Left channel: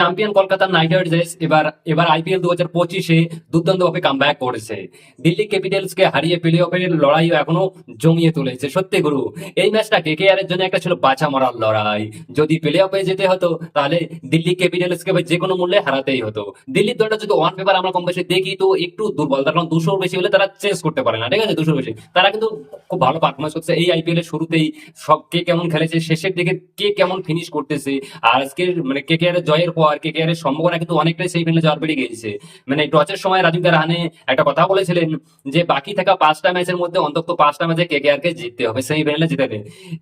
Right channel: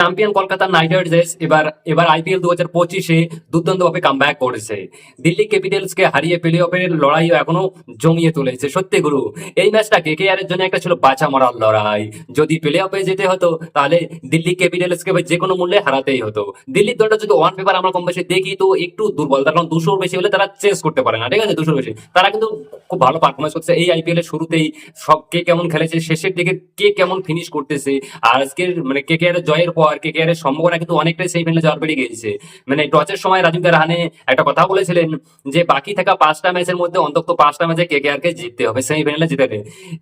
Champion Kolkata night Riders এবার এবার IPL 2025-এ দুর্দান্তভাবে কামব্যাক করেছে। দিল্লি ক্যাপিটালস কে হারিয়ে প্লে অফের লড়াই এখনো জমিয়ে তুলেছে। সত্যি গুরু, এই ম্যাচটা কেকেআর এর জন্য একটা ছিল বাঁচা মরার লড়াই। যদি প্লে অফে যেতে হতো তাহলে দিল্লি ক্যাপিটালস কে যে কোনো মূল্যে হারাতেই হতো। দিল্লির দলটা যদি ওয়ান পেপার আমরা কম বেশি দেখি তো একটু দুর্বল, তার কারণ 200 বেশি হলে তারা চেস করতে পারে না, ঠিক আছে? 200 বেশি তারা কিন্তু খুব ভালো পারফরমেন্স করছে এই আইপিএল এর শুরুতেই। সব কে কেমন খেলেছে, শেষের দিকে কে কেমন ফিনিশ করতেছে। আর আজকের মানে কেকেআর এর জয়ের পর কেকেআর এর সম্ভাবনা কিন্তু অনেকটাই সেই ফিল্ডে যাওয়ার বেড়ে গিয়েছে। মানে টসের সময় রাজীব রাহানে একটা কথা বলেছিলেন যে বাকি থাকা 5টা ম্যাচের মধ্যে অন্তত 5টা ম্যাচে কেকেআর কে জিততে হবে, সেমিফাইনালে জিতাতে।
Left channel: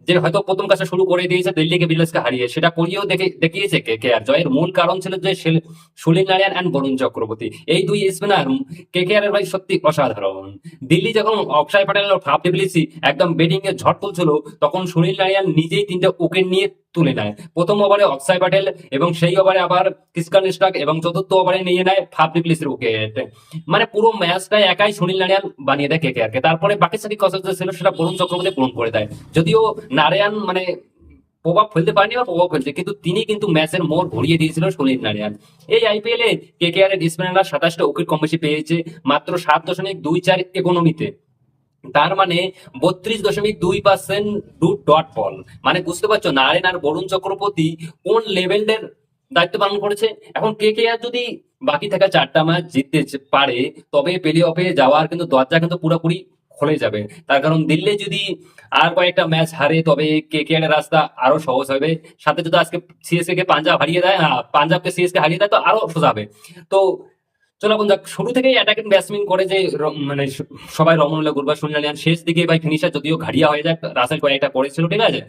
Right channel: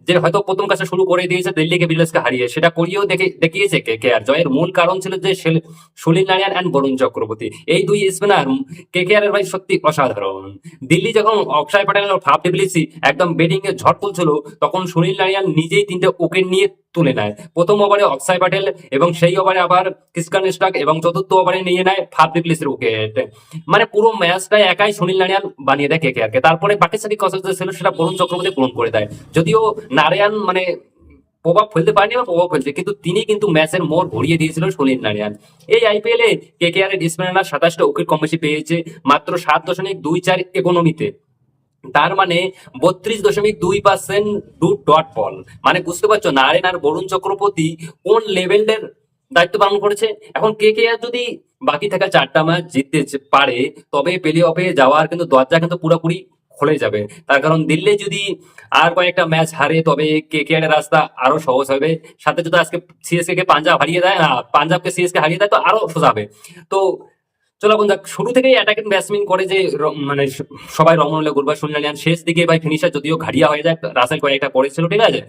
যে হয়তো প্রথম কাজটা শুরু করে দিয়েছে দিল্লি ক্যাপিটালসকে হারিয়ে, সেটা করিয়েও দেখিয়েছে কেকেআর। জয়ের মূল কারণ ছিল যে সুনীল নারায়ণ অ্যান্ড বরুণ চক্রবর্তী, এই দুই স্পিনার কেকেআর এর ভাই সত্যি অসাধারণ। দিল্লি যখন অক্ষয় প্যাটেল ফাফ ডিপ্লিসি একদম ব্যাটিং এর ঝড় তুলছিল, তখন সুনীল নারায়ণ নিজেই 3টে উইকেট নিয়ে তুলে নেয়। প্রথম ওভারে অক্ষয় প্যাটেল এবং সেই ওভারে আবার ক্রিস্টান স্টাক, এবং চতুর্থ ওভারে নিয়ে নেয় ফাফ ডিপ্লিসির উইকেট। মানে পুরো ম্যাচটা একাই সুনীল নারায়ণ বানিয়ে দেয় কেকেআর কে। তারপরে বাকি সাকি কসা ছিল সেটা বরুণ চক্রবর্তী পূরণ করে দেয়। যদিও নারায়ণ মানে প্রভাব ফেলতে পারেনি বা প্রভাব ফেলছে, কিন্তু তিনি কিন্তু ম্যাচের মোড় ঘুরিয়ে দিয়েছিল সুনীল নারায়ণ। এই আইপিএল এ কেকেআর এর স্পিনাররা 27টা উইকেট কম বেশি পেয়েছে মাত্র 7.24 ইকোনমিতে। তার মানে 32.2% ডট বল। মানে বুঝতে পারছো নারায়ণ আর বরুণ চক্রবর্তী কোন লেভেলের দায়িত্ব পালন করেছে। এখন কেকেআর যদি বাকি থাকা 4টা ম্যাচ জিততে পারে, তবে প্লে অফে যাওয়ার কিন্তু দরজা কিন্তু পুরোপুরি খুলে যাবে। তার কারণ দিল্লি যদি আর কয়েকটা ম্যাচ হারে তবে কেকেআর এর রাস্তা আরো সহজ হবে। সাথে যদি আজকে সিএসকে কে পাঞ্জাব হারিয়ে দেয়, পাঞ্জাবকে সিএসকে হারিয়ে দেয়, তো আরো সোজা হবে। তো চলো এখন দেখ, শুরু থেকেই অ্যাটাকিং ব্যাটসম্যান করে যে মানে সবাই রমনলে গুরবাজ শুনলেন, শেষ দিকে ভাই ফিনিশার যদিও ঘাড়িয়া হয়ে যায়, রাসেল কয়েকটা করেছিল, ঠিক আছে?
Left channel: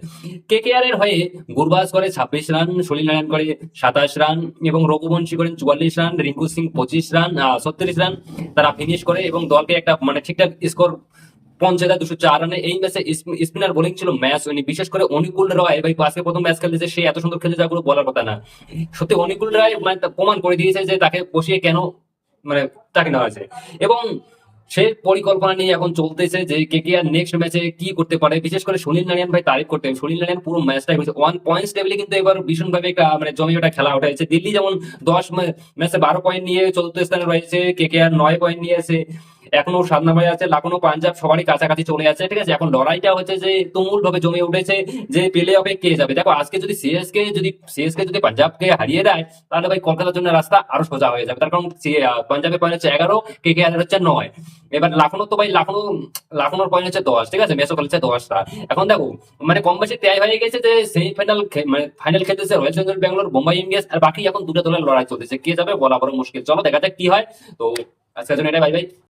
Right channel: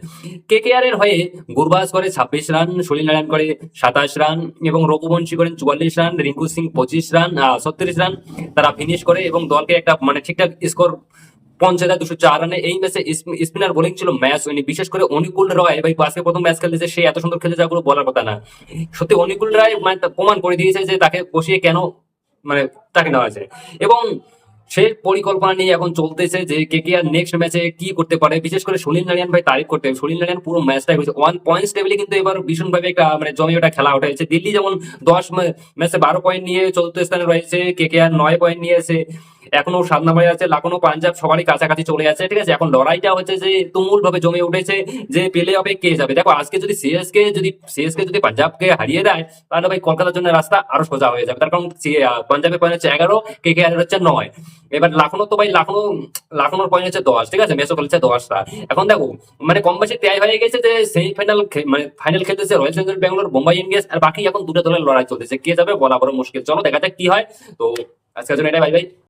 কেকেআর এর হয়ে গুরবাজ করে 26 রান, সুনীল নারায়ণ করে 27 রান, এবং রঘুবংশী করেন 44 run, Rinku Singh 25 run, 36 run তারা ফিনিশ করে এবং দলকে একটা মানে ঠিকঠাক স্কোর 50,204 রানে। এই ম্যাচে স্পিনার বোলিং ছিল ম্যাচ হয়নি, বিশেষ করে অনুকূল রায় ভাই আজকে প্রথম ম্যাচ খেলতেছে, সে এত সুন্দর খেলতে যাগুলো বলার কথা না। সত্যি অনুকূল রায় মানে প্রমাণ করে দিয়েছে যে তাকে বসিয়ে কেন মানে তাকে নেওয়া আছে। এবং সেই পরিকল্পনা নিয়ে এখন চলতেছে যে কেকেআর নেক্সট ম্যাচে কি করতে পারে। বিশেষ করে সুনীল নারায়ণ ভাই তারিফ করতে হবে, সুনীল নারায়ণ পুরো ম্যাচটাই হয়েছে 1 পয়েন্টস টেবিলে কিন্তু এবার ভীষণভাবে একটা মানে জমি একটা খেলা উঠেছে। দিল্লি যেমন 10 ম্যাচে 12 পয়েন্ট নিয়ে চতুর্থ স্থানে রয়েছে, কেকেআর 9 পয়েন্ট নিয়ে আছে, এখনো 7 নম্বরে আছে। লাখনৌ পাঞ্জাব সবারই কাছাকাছি চলে আছে, ঠিক আছে? এখন লড়াইটা হচ্ছে যে তুমুল ভাবে জমে উঠেছে যে প্লে অফে কে যাবে। দেখো আজকে যদি সিএসকে যদি পাঞ্জাবকে হারিয়ে দেয়, তাহলে ভাই কলকাতার জন্য রাস্তা আরো সোজা হয়ে যাবে। তার কারণ পাঞ্জাবের পয়েন্ট হচ্ছে 11, কেকেআর হচ্ছে 9। এবার লাখনৌ তো ভাই লাখনৌর পয়েন্ট হচ্ছে 10, ঠিক আছে? ম্যাচও খেলছে 10টা। এখন দেখো মানে কম বেশি তৈরি হয়ে গেছে যে সেই মানে ফাইনাল খেলতেছে Royal Challengers Bangalore, Mumbai Indians, আর বাকি এখন দুটো দলের লড়াই চলতেছে, কে যাবে বলা বড় মুশকিল। চলো দেখা যাক কি হয়। তো আজকের জন্য এটা, বাই বাই।